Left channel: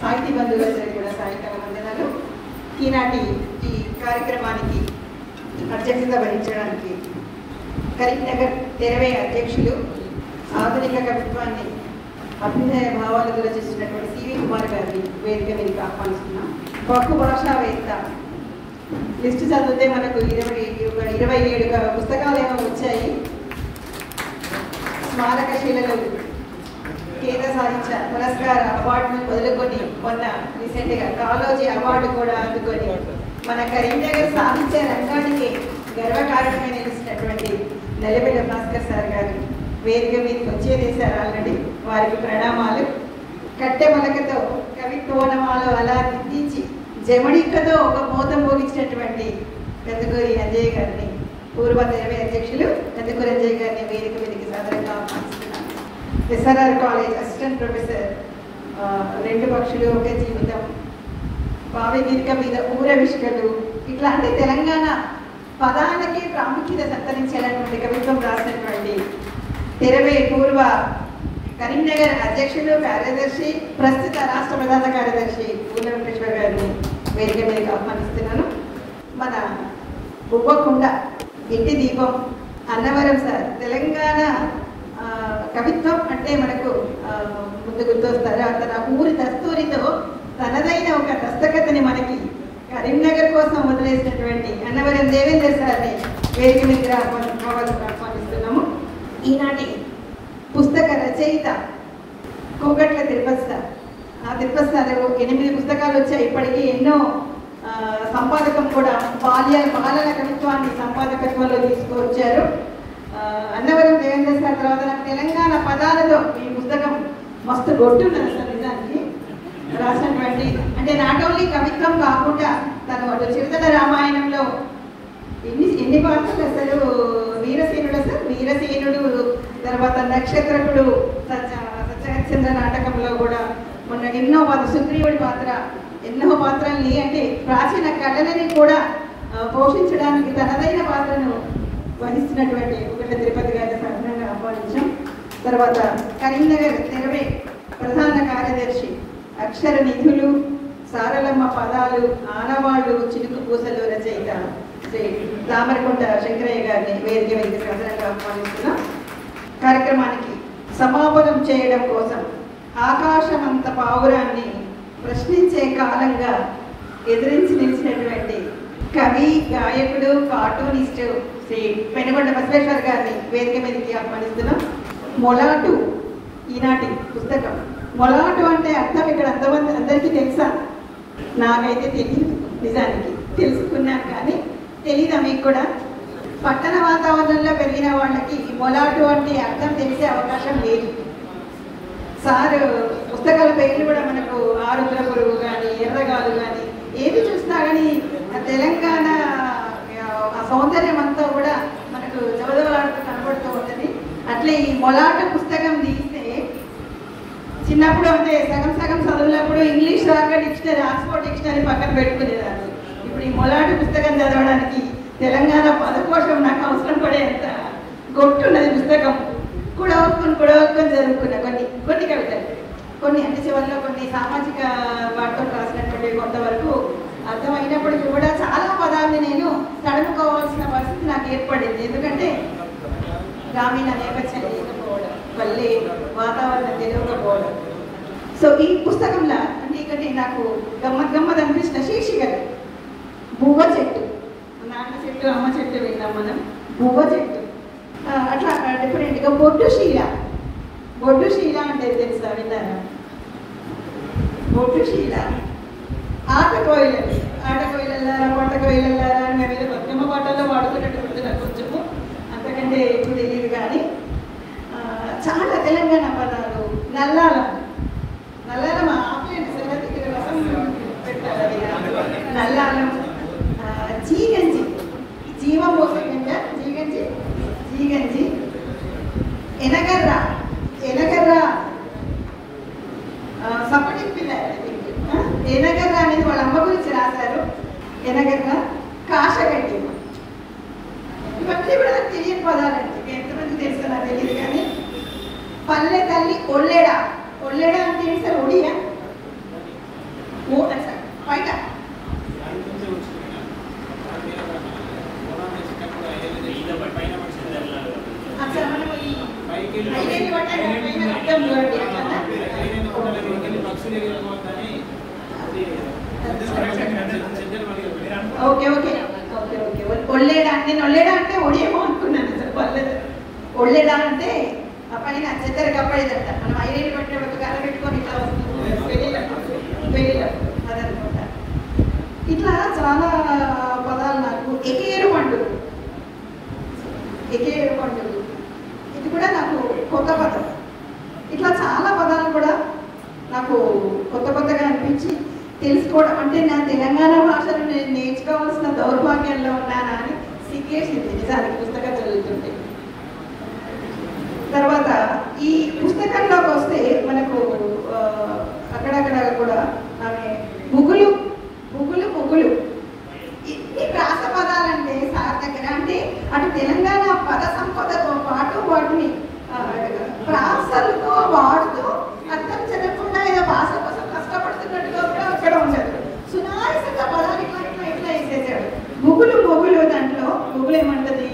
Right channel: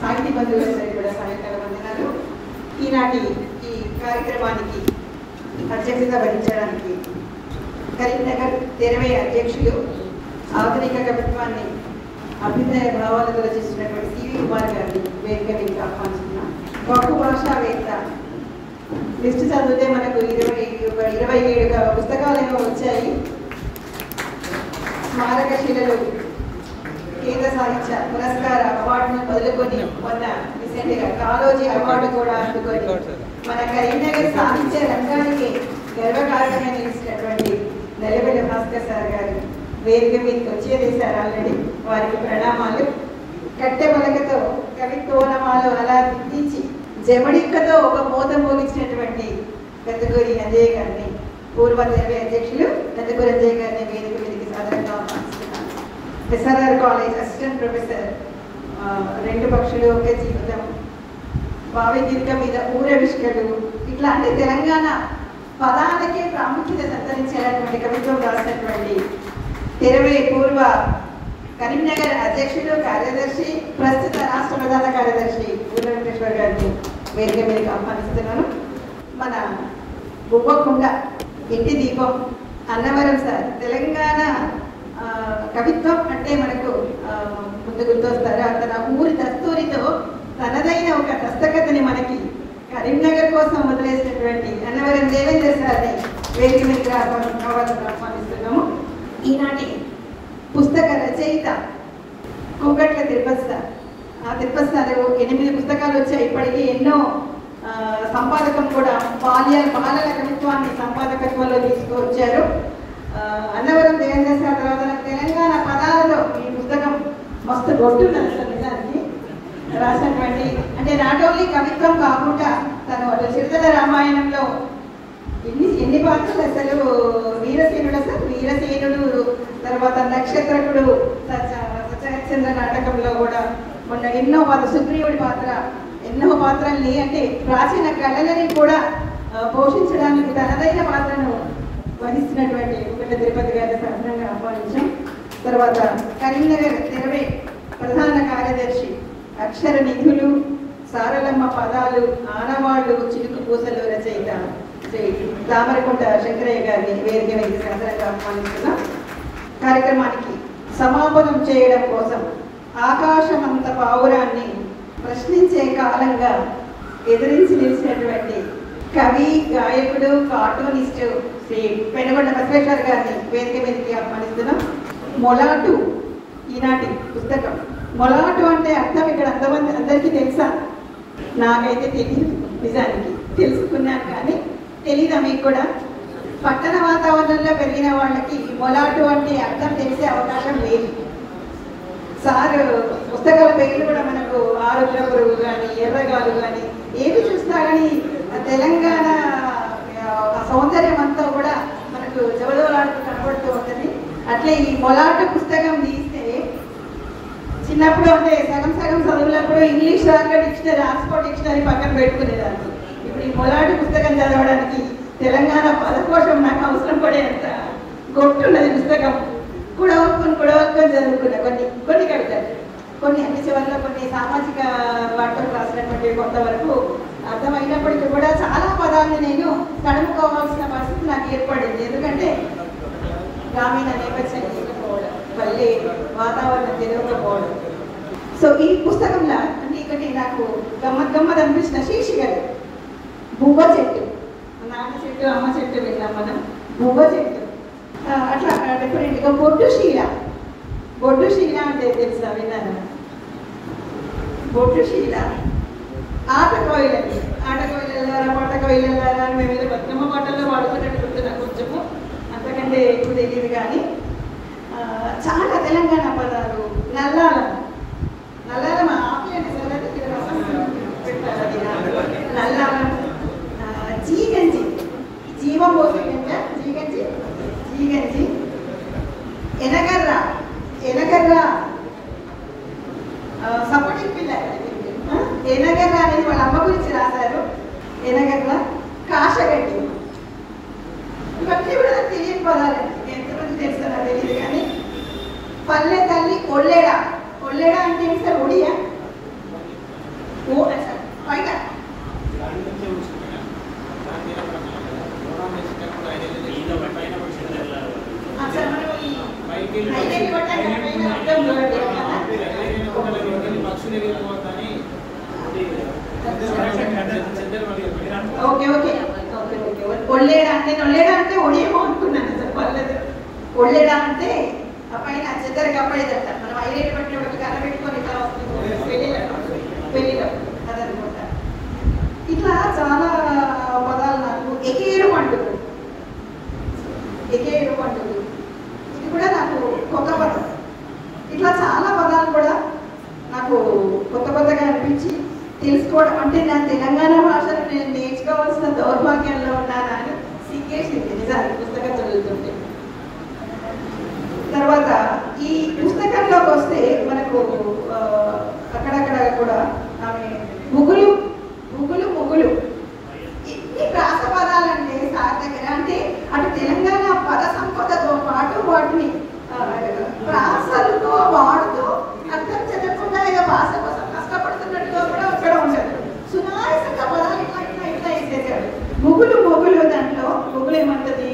సాహితీ బంధువులందరికీ కూడా సాయంకాల వందనాలు. ఈనాటి ఈ కార్యక్రమానికి అధ్యక్షత వహించడానికి కరీంనగర్ 20 అధ్యక్షులు, ఆధునిక కవిత్వాన్ని అభ్యుదయ భావాలతో రచిస్తున్నటువంటి సివి కుమార్ గారిని వేదిక మీదకి ఆహ్వానిస్తున్నాం. బహుభాషావేత్త. లిస్ట్ చదివితే మనకు 27 పుస్తకాలు ఏమో వచ్చాయి. స్మారకశీలలు, కేంద్ర సాహిత్య పురస్కార అవార్డును మొదలుకొని మొన్న రీసెంట్గా కాలోజీ అవార్డు కూడా అందుకొని మన కరీంనగర్ సాహిత్య రంగానికి గర్వకారణంగా నిలిచినటువంటి నల్లబెల్ల భాస్కర్ సార్ గారు వేదిక మీదకి వచ్చేదేశారు ఆల్రెడీ. వారికి ప్రణామాలు. కట్టె మలకతో కవిత్వనమాలు అలా దిద్దించి జమడికతో ఒక మోతం మోగించినటువంటి పెద్దకూరి అంజయ్య గారిని, పూర్వ 20 అధ్యక్షులు పెద్దకూరి అంజయ్య గారిని వేదిక మీదకి సాధారణంగా ఆహ్వానిస్తున్నాం. ఎస్ఆర్ఆర్ కాలేజ్ అసిస్టెంట్ ప్రొఫెసర్, 2 పక్షులు ఒక జీవితం, బావి దీర్ఘ మీద ఊరవిష్కలు, ఇట్లాంటి తెలంగాణ పదాలకే ప్రాముఖ్యత సంతరించినటువంటి కవిత్వం రాసినటువంటి 20 పూర్వ కరీంనగర్ అధ్యక్షులు, కార్యదర్శి, ప్రస్తుత రాష్ట్ర ప్రధాన కార్యదర్శి గుల్ల వెంకటేశ్వర గారిని వేదిక మీదకి ఆహ్వానిస్తున్నాను. మన బువ్వకుండ, ఇంటి దీపం, అన్నవరం సార్. తెలంగాణ కవిత్వం అంటే మనకు ముందు గుర్తొస్తారు. తన ఊరి దస్తూరితో తనదైన ఒక దస్తకథని మనకి కరీంనగర్ కోసం వదిలేసినటువంటి అన్నవరం దేవేంద్ర సార్ని వేదిక మీద ఆహ్వానిస్తున్నాము. ఈనాటి పుస్తక రచయిత కూకట్ల తిరుపతి సార్. ఆ తిరుపతి సార్ 8 పుస్తకాలు వచ్చాయి ఇప్పటికీ. ఎన్నో సంపాదకం కూడా బాలల కవిత్వాన్ని సంపాదకత్వంలో తీసుకువచ్చారు. అన్నవరం దేవేంద్ర సార్ తర్వాత తెలంగాణ పదాలలో ఈ పుస్తకం మస్తు గొట్టున్నది సార్ నిజానికి రాసినటువంటి. అంటే నాట్ ఓన్లీ కవిత్వం కాకుండా తను చిరుతల రామాయణంలో ఎన్ని పాత్రలు అసలు. వీరసేనుడు సార్, వీరసేనుడు, తర్వాత నక్షత్రకుడు, సత్యహరిశ్చంద్ర నాటకంలో కూడా మొన్న ఎన్నో సుగ్రీవుడి పాత్ర, ఎన్నో పాత్రల్ని అంటే ప్రాచీన కళలని కూడా పోషించడానికి తనదైన పాత్రను వహిస్తున్నటువంటి తిరుపతి గారి ప్రధానంగా ఆహ్వానించాం. తర్వాత కరీంనగర్ 20 ప్రధాన కార్యదర్శి, అక్షర నిధులు, సారలమ్మ పదాలు, ఆనవాళ్ళు, చిలుకు పూసలు రచయిత శ్రీ దామరకొండ శంకరయ్య గారిని వేదిక మీదకి సాధారణంగా ఆహ్వానిస్తున్నాం. కార్యక్రమానికి సమాపనం చేయడం కోసం ఆకాశమంత పావురాన్ని ప్రశ్నించే కాలంగా ఎదిరించి నిలిచినటువంటి కవి, గాయకుడు, కార్టూనిస్టు శ్రీ పెనుగొండ బసవేశ్వర గారిని వేదిక మీదకి ఆహ్వానిస్తున్నాం. మొలాటు ఈనాటి పుస్తకం. మొలాటు అంటే అర్థం ఇక్కడ అందరికీ తెలుసా? నాకైతే తెలియదు నిజానికి. తెలుసుకున్నాను కానీ తెలీదా మీకు కూడా? పట్టణ వాతావరణంలో పెరిగిన వాళ్ళకి మొలాటు అంటే అర్థం తెలిసే అవకాశం లేదు. సార్ పుస్తకాల పేర్లు కూడా మనకు ఆరుద్ర పురుగు కానీ, ఎర్రగాలు కానీ ఏవి చూసినా కానీ తెలంగాణ సౌందర్యం అంతా కూడా మనకు జవదవలాడుతూ కనబడుతూ ఉంటుంది. అట్లే ఈ మొలాట పుస్తకం తీస్తే చిన్నప్పుడు అంటే సగం చదువులప్పుడు ఇంగ్లీష్ దాకా డిక్షనరీ, ఆక్స్ఫర్డ్ డిక్షనరీ పక్కన పెట్టుకునేదాన్ని. ఇప్పుడు ఈ మొలాట పుస్తకం చదవడానికి తెలంగాణ పదకోశం నాకు అవసరం పడేంత గొట్టున్నది పుస్తకం. కూడా చదువుకున్న కొన్ని కవితలు, కొన్ని అన్ని చివరిలో కొన్ని సామాజిక వార్తలు రాసినటువంటి కొంతవరకు అర్థమైనప్పటికీ కూడా చాలా పదాలని నేను తడుముకోవాల్సిన పరిస్థితి నాకు ఏర్పడింది. ఎందుకంటే గ్రామీణ నేపథ్యం లేకపోవడం, పల్లె వాతావరణం తెలియకపోవడం. సో ఈ పుస్తకంలో అంటే నాకు గమ్మత్ అనిపించిన శీర్షికలు బువ్వ చెట్టు, నాన్న చెట్టు, అమ్మ చెట్టు వెళ్ళాం మనం. బువ్వ చెట్టు అట్లా డిఫరెంట్గా బొడ్డు శీల అంటే తెలుసా? విన్నారా? బొడ్డు శీల. ఆట కోయిలల్లారా పొట్ట కోయిలల్లారా మేము ఏదో బతుకమ్మ పాటల్లో వాడుతున్నట్టు నాకు కొంచెము, అంతకంటే ఎక్కువ తెలియదు. కానీ చాలా తెలంగాణ పదాలు. నల్లారం ఆపేయండి సంగతి రసం పెట్టాలి. నల్లారం, జీగంజి, జీవం పోసే గంజ, జీగంజి, ఎనగర్ర సపటి పిల్ల. ఎనగర్ర అనేది వాళ్ళ అమ్మ గురించి రాశారు. ఎనగర్ర, కాశగట్టి, ఇవన్నీ కూడా తెలియని పదాలు. ఎంతమంది తెలుస్తుందో తెలియదు కానీ పల్లె తల్లి, ఒళ్ళెడ అంటే సార్ ఒడియా? ఓకే ఓకే ఒళ్ళేడా నేను ఒళ్ళేడా అంటే ఒడియేమో అనుకున్నాను సార్, పర్లేదు. ఒళ్ళేడా అంటే ఆ పైన చెద్దరు కప్పడేదట, మనం ఐరేట్ పట్టినప్పుడు కర్ర పెట్టుకొని ఇట్లా వస్తుంది పెళ్ళిలో అదనమాట. ఇట్లా చాలా పదాలు నాకు. ఎకేరు పండుగ, ఎకేరు పండుగ ఇది కూడా నాకు కొత్త పదం. ఇట్లా చాలా పదాలు కూడా నాకు కొత్త కొత్తగా అనిపించి తెలుసుకోవడం. అంటే నా తెలంగాణ భాషను నేను నేర్చుకోవాల్సిన దౌర్భాగ్యంలో ఉన్నానని సిగ్గేసింది నిజానికి పుస్తకం చదువుతుంటే. తర్వాత ఈ పుస్తకంలోకి వస్తే మనకు అక్కడక్కడ కూడా ఆమె ముగ్గులు ముగ్గులు ముగ్గులు ఇన్ని ప్రాస పదాలంటే సార్ దగ్గర, అంటే అటు తెలంగాణ పద సంపదతో పాటు వాటిని ప్రాసలతో వాడుతూ అర్థం చదవకుండా ఏదో భాష కోసం కష్టపడుతున్నట్టుగా కూడా ఇక్కడ ఉండదు. సునాయసంగా పదాలు ఇట్లా ఇట్లా ఇట్లా వేసేసాడు. ముగ్గులు ముగ్గులు దాంట్లో ముగ్గులు ఏమంటది,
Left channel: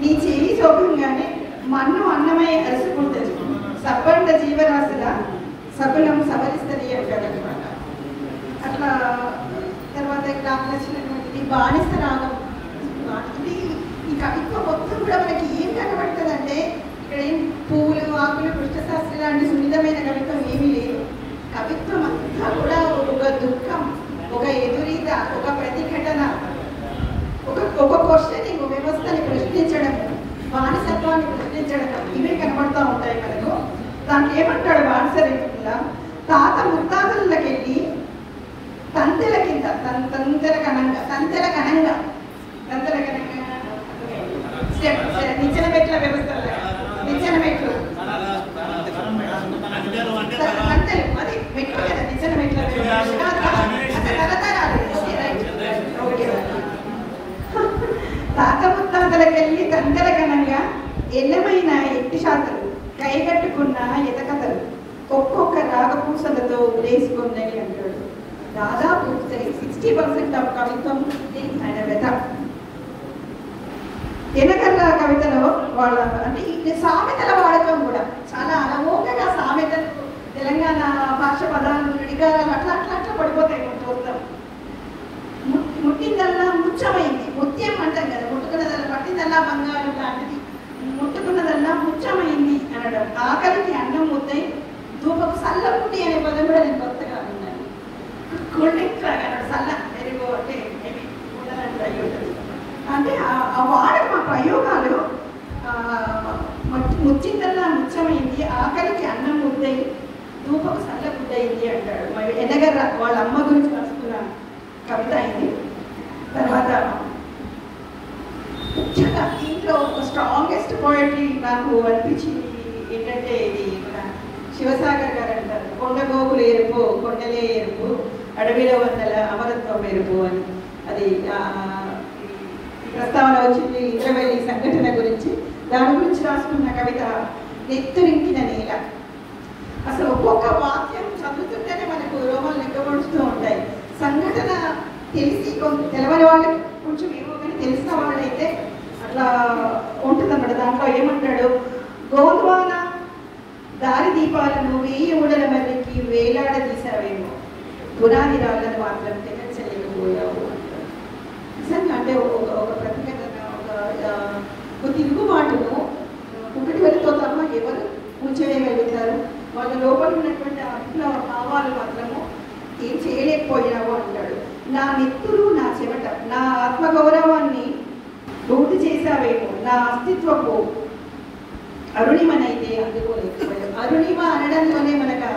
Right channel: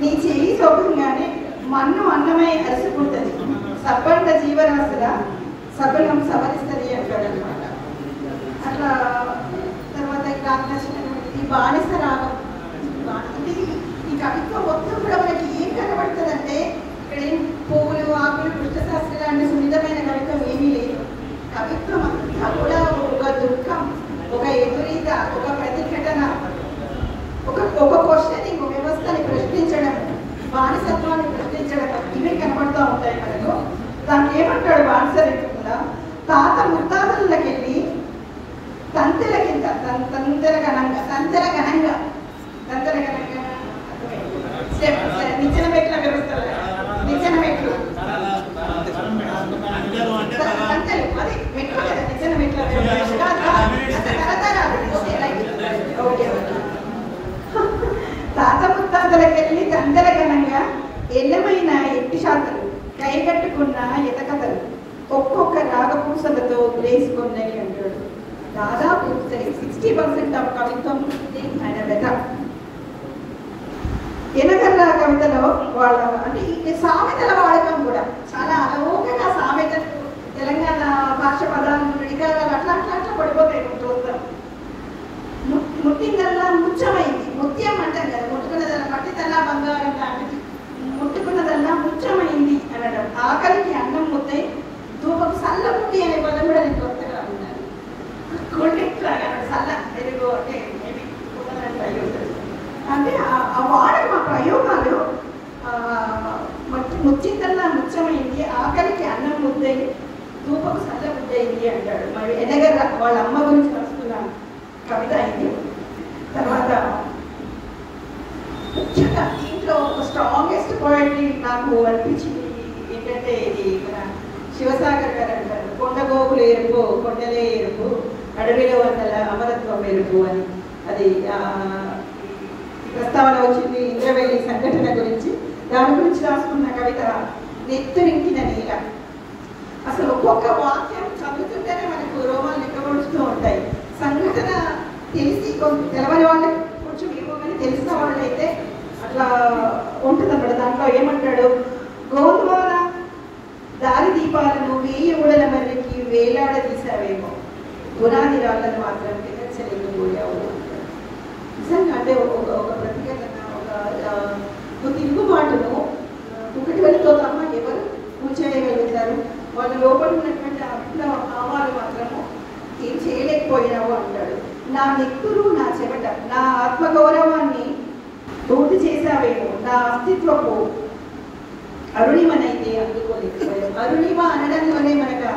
నీ చెయ్యి సోకంగానే మన్ను అన్నమై అలసిపుడుతుంది, సబ్బండ జీవరాశిగా సబలం సవరిస్తుంది అంటాడు అనమాట. అట్లా తర్వాత నాకు నచ్చినటువంటి బానిస రాగం. ఇది ఈ కవిత్వం మొత్తం కూడా మనకి ఏం కనబడుతుంది అంటే ఇక్కడ ఏం పువ్వులు ఆకులు కృష్ణశాస్త్రి లాంటి సున్నితమైన కవిత్వం ఏమీ లేదు. కవిత్వం అంతా కూడా ఒక దుఃఖం, ఒక ఎదురీత, ఒక ప్రతిఘటన, ఒక క్వశ్చనింగ్, వ్యవస్థని ప్రశ్నించడం, బానిసత్వాన్ని ప్రశ్నించడం, ఇవే కనబడుతూ ఉంటాయి మనకు. దానికి ఏమంటాడు బానిసరిగా, తాత ముత్తాతలకెళ్ళి తంతెల కింద తంతెల ఘనంగా నిచ్చెన మెట్ల వ్యవస్థ, నిచ్చెన మెట్లు అది మెట్లు కదా, నిచ్చెన మెట్ల తాత ముత్తాతలకెళ్ళి తంతెల ఘనంగా ఎన్నమైన ఎట్టి శాస్త్రం కైగట్టుకున్న ఎతకథలు ఒక్కొక్క రాగపూసలతో వేసుకున్నవి అంటాడు. దాదాపు 60% ఆఫ్ కవిత్వం ఆయన పెద్ద ఎనకర్ర కవితలో వాళ్ళ అంటే ఈ సామెతల వాడకం కూడా చాలా అమోఘంగా. సామెతలు తెలంగాణ భాష పదాలు విడిగారాలు అట్లా అట్లా అట్లా పడిపోతాయి కొంత. ముట్టిందల్లా ముచ్చమైంది, ముత్యం అంటాం కదా, ముట్టుకున్నదల్లా పట్టిందల్లా బంగారం లాంటిది, ముట్టుకున్నదల్లా ముచ్చమైంది అనడం. ఆకలికి అన్నం ముద్దై ధూపకు సల్ల ముట్టి అనే పదం కూడా నేను కొత్తగా విన్నాను. సల్ల ఎరుగు అంటే ఆ వాడకం, ఆ ప్రయోగాలు ముచ్చిందల్లా ముచ్చమైంది, ఆకలికి అన్నం ముద్దై ధూపకు సల్ల ముద్దయింది అంటాడు. మరి ఎనగర్ర వాళ్ళ అమ్మ గురించి రాసుకున్న కవిత అయింది. తర్వాత ముఖ్యంగా దీంట్లో స్ట్రాంగెస్ట్ పాయింట్ నాకు అనిపించింది ఏంటంటే, ఇది మన శివసాగర్ గారు అంటారు, కొండగోపులు ఎరుపు కొండలే ఎరుపు అడవిలో వందల అమరత్వం ఎరుపు అని. అది ప్రస్తావన వచ్చింది ఇంద్రవెల్లి సంఘటన గురించి. దాని గురించి రాసుకున్న కవిత నెత్తురింకిన నేల. అసలు ఒక్కొక్క వాక్యం చదువుతుంటేనే మనకు రోమాలు నిక్కబడుతూ ఉంటాయి. సంఘటన తెలిసి తెలవని వాళ్ళకి కొంచెం ఏమో కానీ తెలిసిన వాళ్ళైతే అట్లా ఉంటుందన్నమాట. దాంట్లో ఏమంటాడు, గోంద్వార దారి దీపాలను 1000 ఊడల మధ్యకి వేలాడదీశావేమో, పునాది రాళ్ళను మాత్రం తినచలేకపోయావు. నిజంగా అంటే ఒక ప్రత్యేకతగా ఒక తిరుగుబాటును ఒకటి వరతో తప్ప ఎవరు కూర్చేయగలుగుతారు? వాళ్ళ లోపల ఉన్నటువంటి భావాలు మాత్రము ఏం చేయలేకపోయినావు అంటాడు. నా నెత్తురు, నా చెమట, నా ఆత్మగౌరవాన్ని రూటి చేశావేమో, నా అస్తిత్వపు అరుణిమనైతే అందుకోలేకపోయావు. అరుణిమ అనడంలోనే మనకు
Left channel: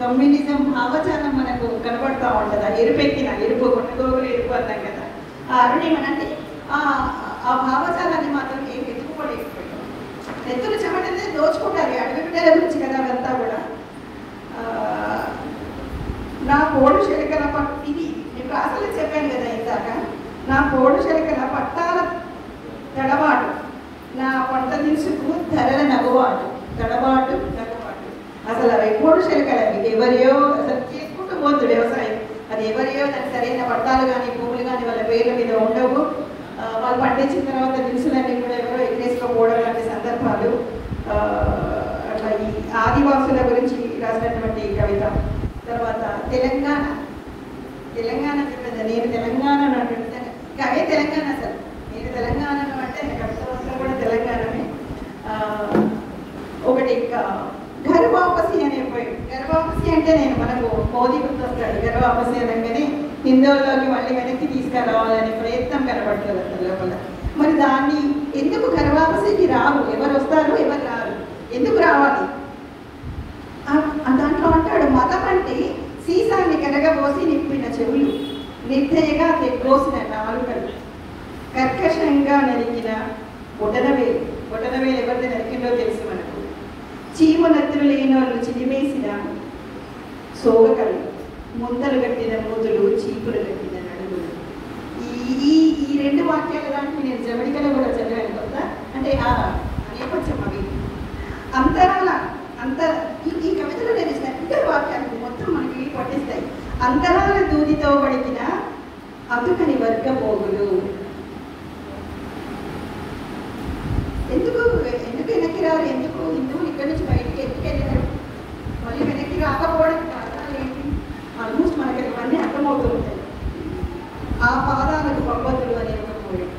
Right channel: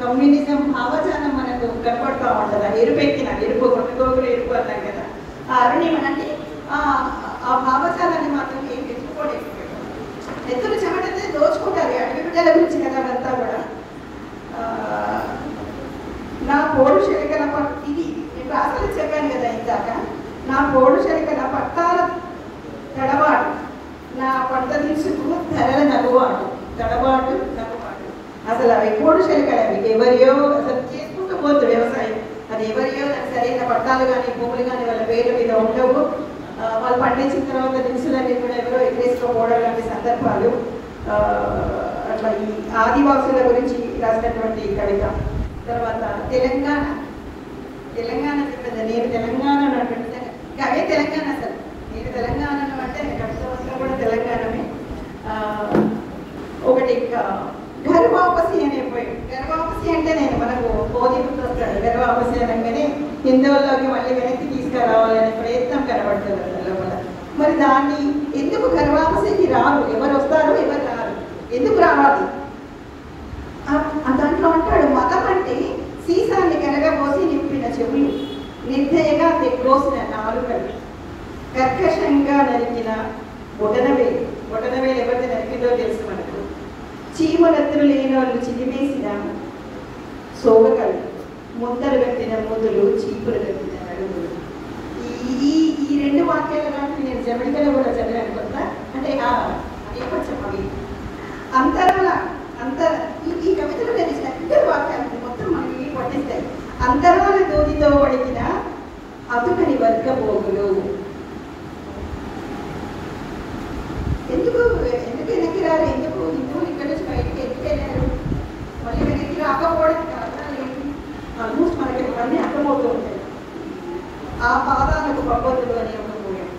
కమ్యూనిజం భావజాలం మనకు కనపడుతూ ఉంటుంది. ఎరుపెక్కిన ఎరుపు, కొండగోగులు ఎరుపు అన్నాం కదా, ఆ అరుణిమ అంటే ఆ భావజాలాన్ని మాత్రం ఏం ఎత్తుకోలేకపోయాడు. ఎత్తులు చెమటనే దోచుకుంటారు. అడవి బిడ్డల గురించి కదా అదంతా కూడా. నా పోడు శలికల ఇది నేను అసలు చెప్పాను కదా ఇందాక, నా పోడు శలికల పట్టాల తడబాటు, నా పంట తీసుకు ధరల నగువాడు, తడబాటు నగువాడు. అసలు అవి పోడు శలికలు, అవి ఎవరియో అసలు చేసుకుంటూ పోతుంది వ్యవసాయం. అది ఎవరియో దానికి సరైన పట్టాలు కానీ భూములు కానీ వాళ్ళ పేర్ల మీద ఉండవు. వాళ్ళు పండించిన తర్వాత దినుసులన్నీ కూడా ఎవరో ఎగరేసుకోపోవడం లాంటి సందర్భాలు అట్లా ఈ ఆదివాసుల గురించి రాసినటువంటి కవిత. తర్వాత తెలంగాణ నేను తెలంగాణ కవి తెలంగాణ సార్, నేను తెలంగాణను అంటే కవిత కూడా తెలంగాణమే. ఒకటి గర్వాపసి అనే గర్వాపసి అంటే మనకు మోదీ గుర్తొస్తాడు. గర్వాపసి అనగానే హిందువుల్లోకి మళ్ళీ వెనక్కి తీసుకురావాలనే ప్రయత్నం కనబడుతుంది లోపల. మరి దాన్ని ఎందుకు గర్వాపసికి రావు, ఎవరు వస్తారు ఎవరు రారు, ఎందుకు రావాలి? దాంట్లో అంటాడు, మతం అంటే సీసాన్ని కరగబోసి నింపిన చెవులు, నిర్దయగా తెగ్గోసిన నాలుకలు, కర్కశంగా నరికిన బొటనవేలు ఎవరిది నరికిందో తెలుసు మనకు, చీమునెత్తులు లేని వాళ్ళు చిలిమేసిన సోగకలు, ముంతలు కట్టిన మూతులు, చీపులు కట్టిన అడుగులు. ఈ రెండు వాక్యాలు లాంటివి నేను జమడికలో కూడా చదివాను కదా. అంటే నేపథ్యం అవి అంతరాల ఈ కవితలో నేను ఇద్దరు వాక్యాలు మొత్తం మనకి పట్టిస్తాయి. అంతరాల దూదితో పడికిన అతుకని వర్గ పోగులు. ఎందుకు వెనక్కి రారు, ఎందుకు హిందువులు ఇక్కడి నుంచి బయటికి వెళ్ళారు, మళ్ళీ వెనక్కి రాకపోవడం కారణాలు ఏంటి? ఆల్మోస్ట్ మనకి ఇవన్నీ అర్థమవుతూ ఉంటాయి. ఆ పాదాలకు పబ్బతులు అని అనుకోవడం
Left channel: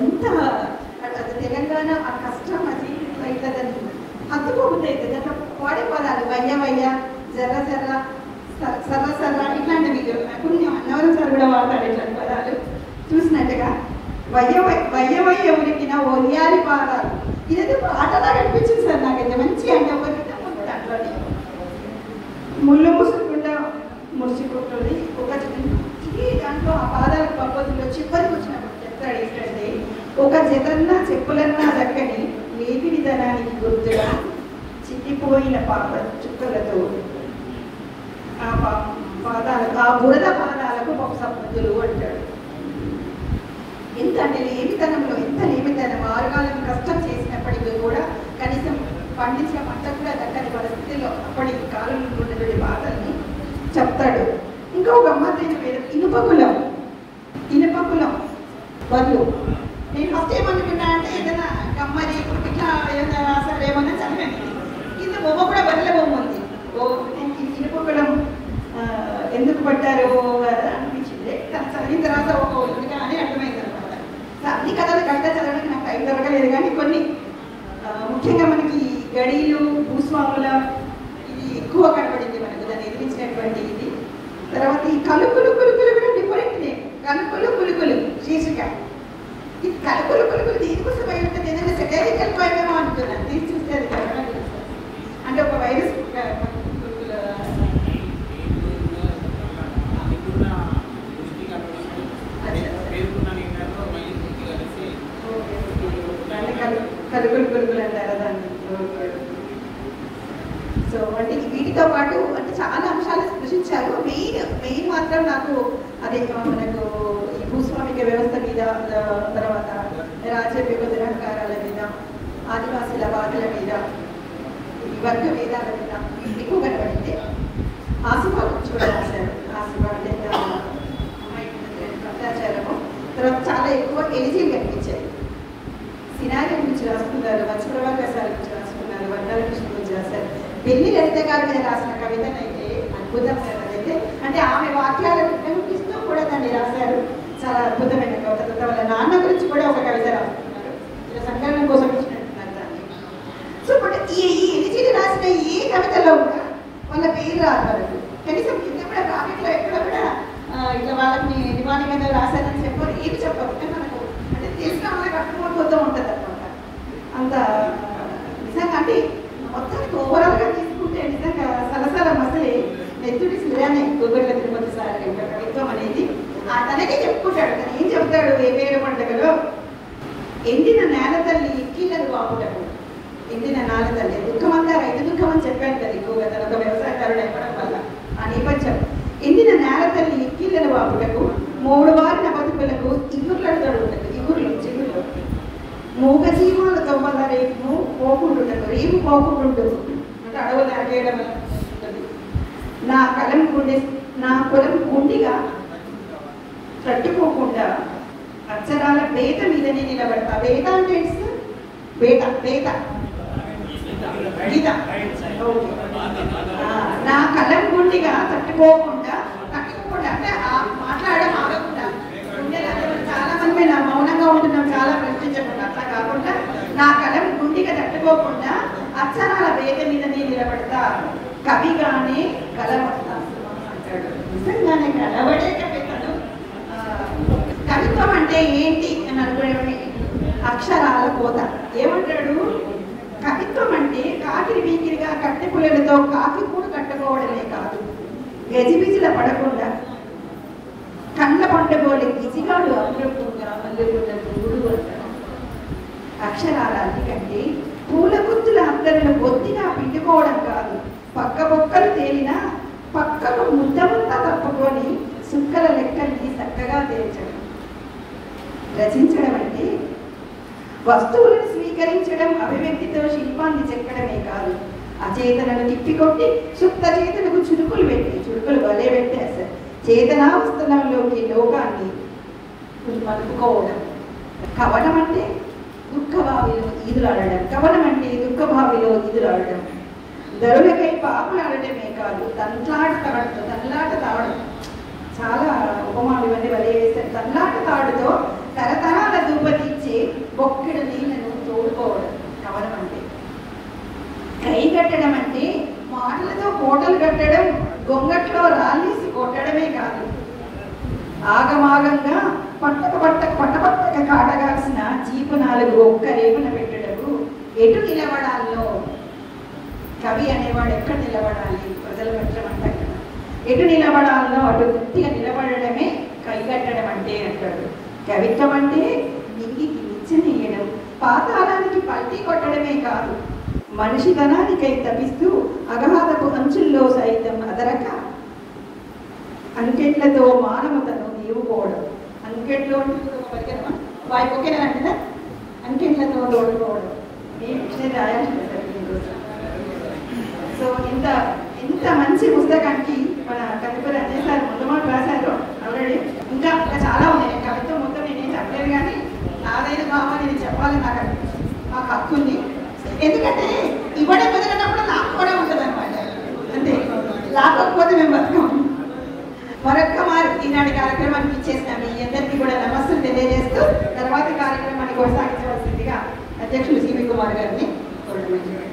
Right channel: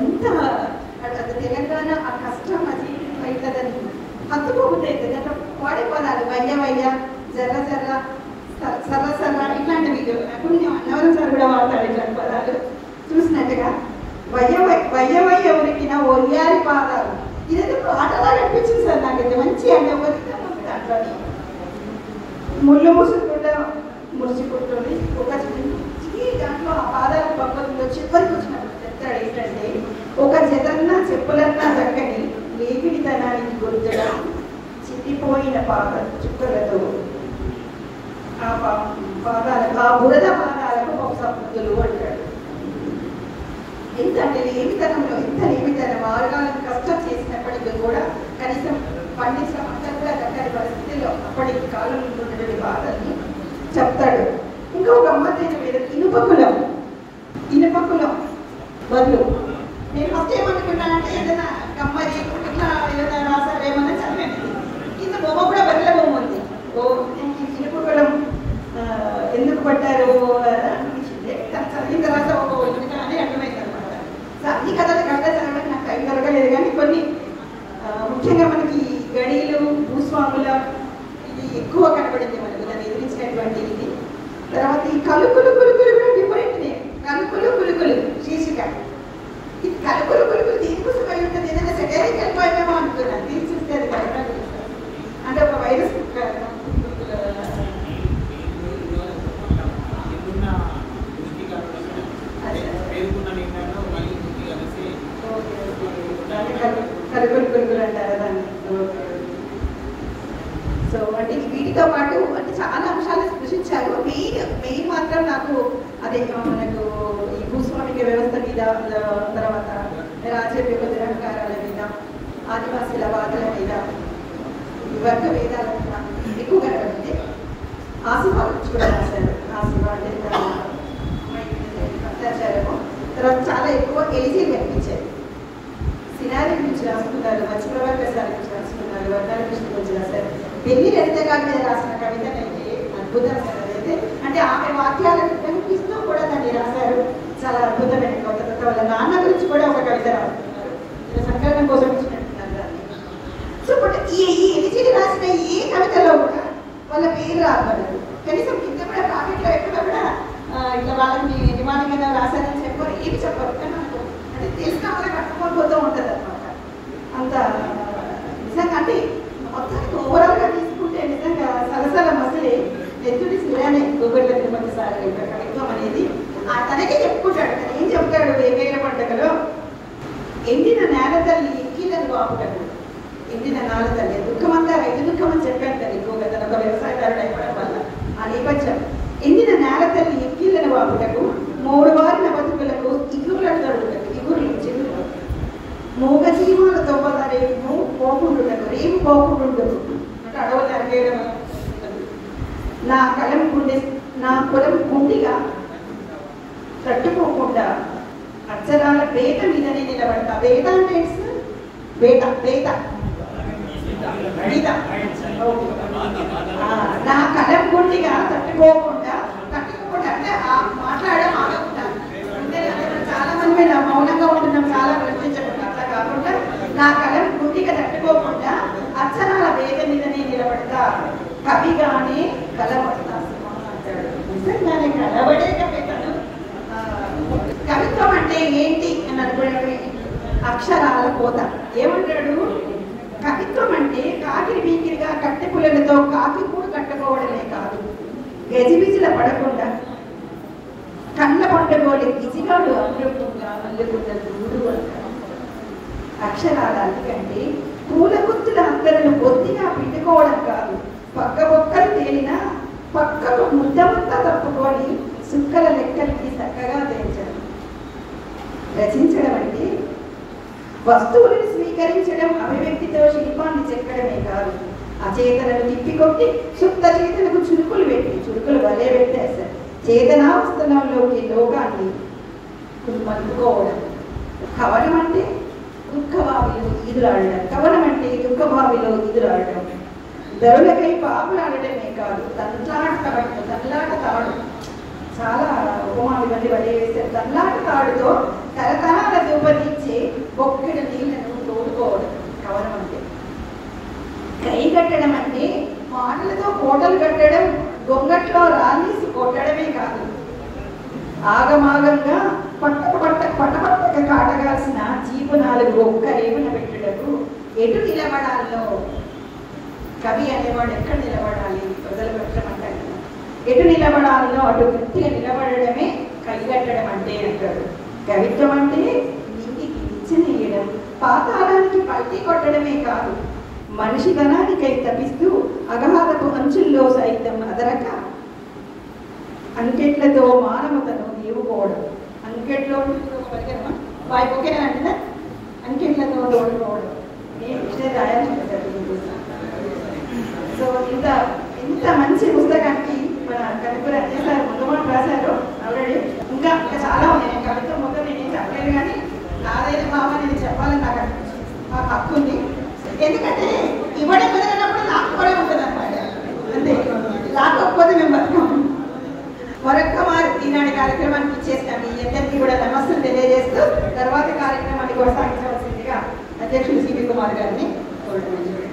ఎంత తెలంగాణ ఆ కష్టం అది ఇట్లదని అతుకు ఉంటాయి కదా. వాడే పదాలు వయ్య జర్ర సర్ర ఇట్లాంటివి. అప్పుడు నేను అన్నవరం సార్ కూడా వాడతాడు ఇట్లాంటి పదాలు చూసినట్టుగా. వయ్య ఉరికిన ఒయ్యారి పాదాలు, ఇదైతే పాటలా అనిపించింది సార్ నాకైతే. మంచి అంటే ఒక విధంగా ఉంటుంది అట్లా. ముళ్ళు ముసుకుంటుంది ఒక దాంట్లో ఆ పాదాల పద్ధతిలో చివరికి వచ్చినట్టు చెప్తాడు ఏంటంటే, ఒక జతన్నా చెప్పులన్నా దక్కని లేపిడితనానికి గుర్తుగా చిట్టిపోయిన పాద చుక్కలతో ఆ బురద పాదాలకు పక్షపద్ధతులు అంటాడు. ఎంత అంటే లేమితనంలో ఎంత లేమితనం, ఆరుగాలం కష్టం చేసినప్పటికీ కూడా కనీసం పండించిన పంట కూడా దక్కని పరిస్థితిలో అప్పటి కాలంలో ఉన్నటువంటి బాధల్ని చెప్తాడు. ఇంకొక గమ్మత్తైన మీద ఇనుపకులం బదులు నేను ఫస్ట్ ఏమనుకున్నా అంటే ఏదైనా కమ్మరి ఇట్లా ఏదైనా రాసారు ఏమన్నా చదివాను. కింద బొమ్మ కూడా బర్రెల బొమ్మ ఉంది. ఇనుపకులం ఎందుకు పట్టారు అనిపించింది. చదివిన తర్వాత అని అర్థమైంది అనమాట. అన్ని కథలు కవిత చదవడానికి నాకు టైం దొరకలేదు, కానీ కొన్ని ముఖ్యంగా మనకి గడీలు భూస్వాముల ఇది ఎక్కువ కనబడింది మనకి, దాన్ని ఎదిరించినటువంటి ఇది. తర్వాత ఈ కలుపులు పులుకులు కూడా డిఫరెంట్ నేమ్, కలుపులు శీర్షిక. ఈ కలుపులు దీనికోసం అయి ఉంటుంది, ఏదైనా సెటైరికల్ పోయేమో అనుకున్నాను. తీర్చిస్తే అది కలపాలి అంటే ఒక వైరస్ కలుపులు అంటారు దాన్ని. సో అంటే వీటితో పాటు అంటే చాలా అంశాలు సృష్టించారు. మెయిన్ మాత్రం నాకు అదే మనకు ఈ భూస్వామిక వ్యవస్థ మీద, తర్వాత రాజ్య దురహంకారాల మీద, ఆదివాసుల బాధల మీద, వర్గ వేదాల మీద ఎక్కువగా కనిపిస్తే ఆసిఫా గురించి కూడా రాశారు. ఆసిఫా అత్యాచారము తర్వాత చాలా ఎక్కువ ఎలిజీలు కనిపించాయి. సినారి గురించి రాసుకున్నారు, మత్స్యప్రభా ప్రసాద్ గురించి రాసుకున్నారు, వర్గాల గురించి రాశారు. పెళ్లి లలిత గారి మీద రాసిన కవితను అయితే అద్భుతంగా అయితే అంటే ఆమె వాక్యాలను ఉపయోగిస్తూ కూడా దాన్ని రాశారు. చాలా అద్భుతమైన కవిత. వాళ్ళ నాన్న గురించి కూడా ఒక కవిత రాసుకున్నారు, సంకలనం కోసం ఇచ్చినట్టున్నారు దాన్ని. సో బట్ ఈ ఎలిజీలు రాసిన ఏ కవితలో కూడా వాళ్ళ పేరు రాదు. కనీసం కింద కూడా ప్రాఫిట్లో ఎక్కడ కూడా ఇట్లా వాళ్ళని నివాళి మీద రాశారని చెప్పారు, ఏమి చెప్పరు. కానీ మనకు అంటే తెలిసిన వాళ్ళకి అర్థమైపోతూ ఉంటుంది అనమాట. అంత నిజంగా అంటే మొత్తానికి ఓవరాల్గా తీసుకుంటే నిజంగా సలసల మసలే నెత్తుడి శిలానే గోగర్ల తిరుమల సార్ యొక్క కవిత్వం అనేది. తనకే చెప్పుకుంటాడు. తను ఏం చెప్తాడు వేవేల పండుగలో, ఎండిన నేల తల్లి ఎక్కిలను వాపుటకు. ఎండిన నేల తల్లి దుఃఖమంతా రైతు దుఃఖం అని చెప్పాడు కదా ఎక్కువగా, తన ఒక వ్యవసాయకారుడు అయిపోవడం వల్ల ఆ నేపథ్యం. ఎండిన నేల తల్లి ఎక్కిలను వాపుటకు, మూడు వారిన బతుకులకు ఇగురులను తడుగుటకు, చిగురులు మూగ జీవాలతో వల్ల రేపు పోకుండుటకు, రేపు పోకుండు అంటే అడవులు నరికేయడం. నా పొలం గుండిగా తట్టుకోకుండా అక్షరాల బేత మీదనే నిలబడతా. బేత అంటే బేత గీత నా కలం గుండిగా తట్టుకోకుండా అంటే మాట్లాడడం ఆగకుండా ఉంటే చాలా మంది మౌనంగా ఉంటున్నాం, చాలా ప్రశ్నించకుండా. అట్లా కాకుండా నా కలం గుండిగా తట్టుకోకుండా అక్షరాల వేద మీద నేను నిలబడతా, కవిగానే కలవస్తా అంటాడు. నిజంగానే కలవడే కవితను. కవిత్వం అంటే ఏంటి అని అనుకునే అక్షరాల కోత. ఏమంటాడు? కవిత్వం అంటే కాకిరి వీకిరిగా కట్టె పుల్లలతో కాకి పూట కట్టుకోవడమే కాదు, గజిబిజిల పడకుండా కళ్ళ పండుగోలి గిజిగాడు అమృతంగా మల్లెలు. అక్షరాల కంటే పూల గుర్తుల అందరిని బొత్తిగా పిండుకోవడం కాదు, పక్క పక్కలు తేలినా పక్కకు ముద్దమంతా తప్పుకొని సుక్కల లెక్కలకి చక్కగా తేల్చడం. రచించడం అంటే వస్తువులను స్వీకరించడం, అభివ్యక్తితో శిల్పాన్ని చెక్కడమే కాదు, అచేతనను తిప్పికొట్టి సుప్త చేతనకు చురుకులు వలే పెట్టేస్తారు. చేతనావస్థలంలోకి లోకాన్ని మలుపుకోవడం. కవనం అంటే దుఃఖభావిలో ఈదులాడడం, కవనం అంటే దుఃఖభావిలో ఈదులాడడం. ధరులకై పాపులాడటమే కాదు, తనలాట తాడు. చాలా ఉపమాలు ఇవన్నీ వలే వేస్తారు. తనలాట తాడుతో తరతరాల దూపతీర్చి ఒక్కడు నీళ్లను తోడుకోవడం కవనం అంటే. కై కట్టడం అంటే మాటలతో కోటలు కట్టడం, గొంగట్లో రాళ్ళేసి కొట్టడమే కాదు, ఆగమాగంగా పట్టక కాటగాల్సిన చీపు నాలుగు ఒక్క రేపున పెట్టుటకు ఎటు నిలబడాలో. కవి అనేవాడు ఎక్కడ నిలబడాలి, ప్రజలు పెట్టమంటారు కదా, ఎటు నిలబడాలో అటు గట్టిగా నిలబడడమే కైగట్టడం అంటే అంటాడు. కవిత్వం అంటే నీకి నిచ్చనీయడం, పాతాళానికి పల్టీ కొట్టడమే కాదు, మనిషి ధనానికై తపిస్తూ అగహారపు అంచుల్లో సైతం అదరక అంకెట్లతో మానవతను దేవుకోవడం. అంకెట్లో వైపుకేనంటే అంకెట్లతో ఓడిపోవడం. నేను విషయం రాయాల్సి సో ఇంత మంచి పుస్తకానికి మన కవిత రంజన్ సార్ ముందు మాట రాశారు ఆల్రెడీ. ఇంకా చాలా ఉంది. నేను కవిత్వం మొత్తం నేనేం చెప్పలేదు, కానీ నాదైన భావం నేను చెప్పాలని నాకు హక్కు ఉంది. ఎందుకంటే ఇవ్వడం కుదిరినప్పుడు నాకు కూడా ఉంటుంది అనమాట. అంటే రాకపోతే మేము బతుకం. మరొక్క మారు ఈనాటి కార్యక్రమానికి ఇచ్చేస్తాం. మీ అందరికీ కూడా నమస్సులు తెలియజేస్తూ తర్వాత కార్యక్రమాన్ని కొనసాగించవలసిందిగా అధ్యక్షులు సివి కుమార్ గారిని కోరుతున్నాను.